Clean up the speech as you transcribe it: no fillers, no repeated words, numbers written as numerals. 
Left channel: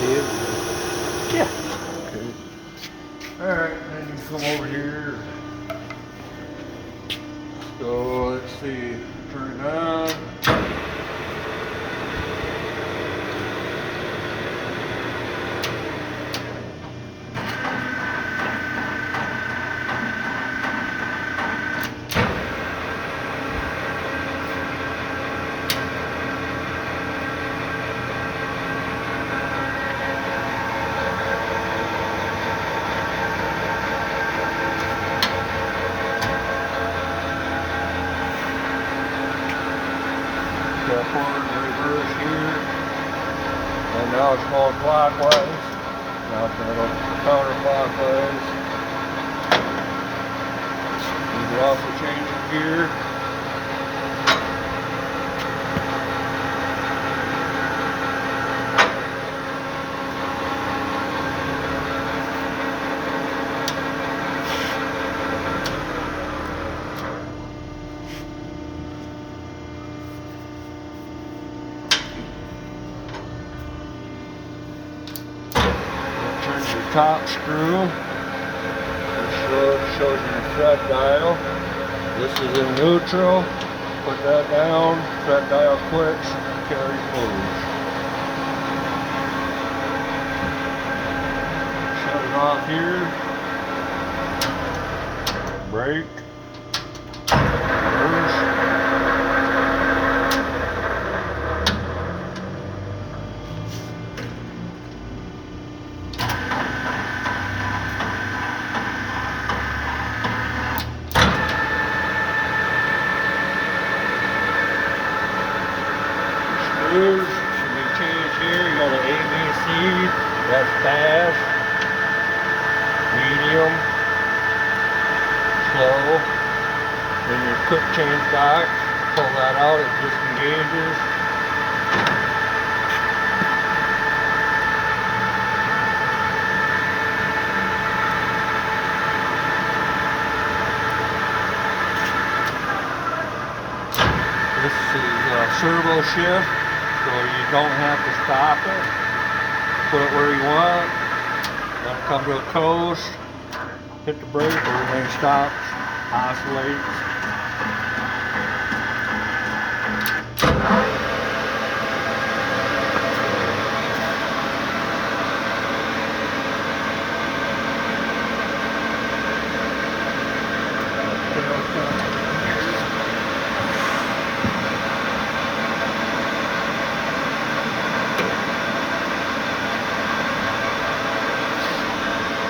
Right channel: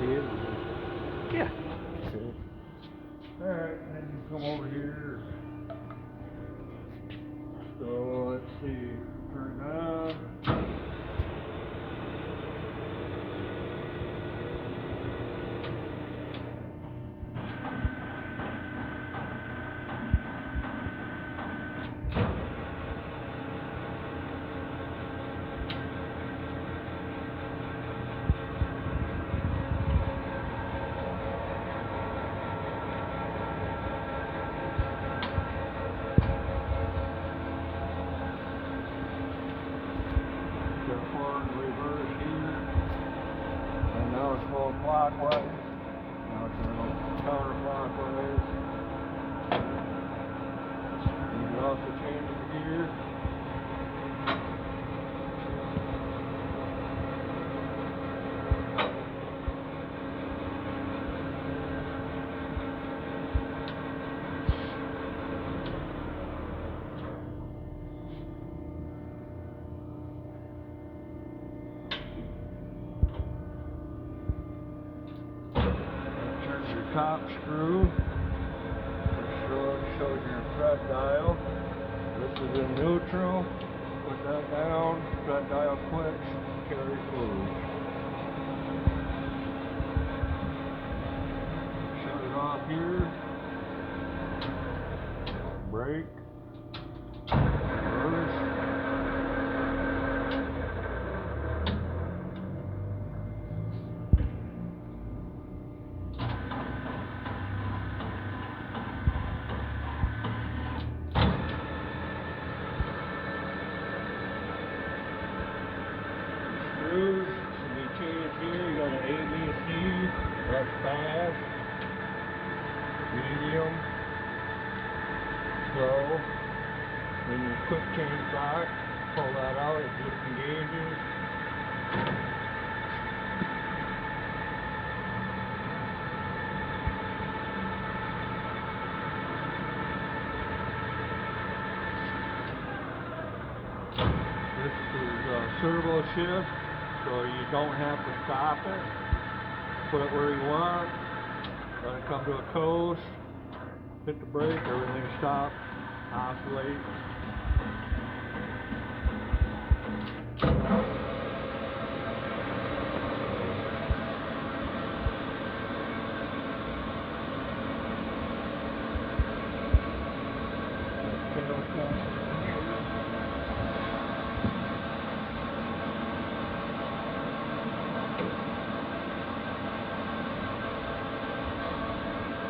Yeah. Okay. Alright, then you come over here. So let's see, turn it on. Step on the reverse here. And now it's going clockwise. Now it's going to go counterclockwise. You can also change the gear. Turn your top screw. Shows you the thread dial. This is in neutral. Put that down. Thread dial quits. Carry moves. Shut it off here. Brake. Reverse. Screws, you can change here, you go to ABC, that's fast, medium, slow. Then your quick change box, pull that out, it disengages. This is servo shift. So you don't have to stop it. Put it where you want. Let it come to a coast. Hit the brake, everything stops, oscillates.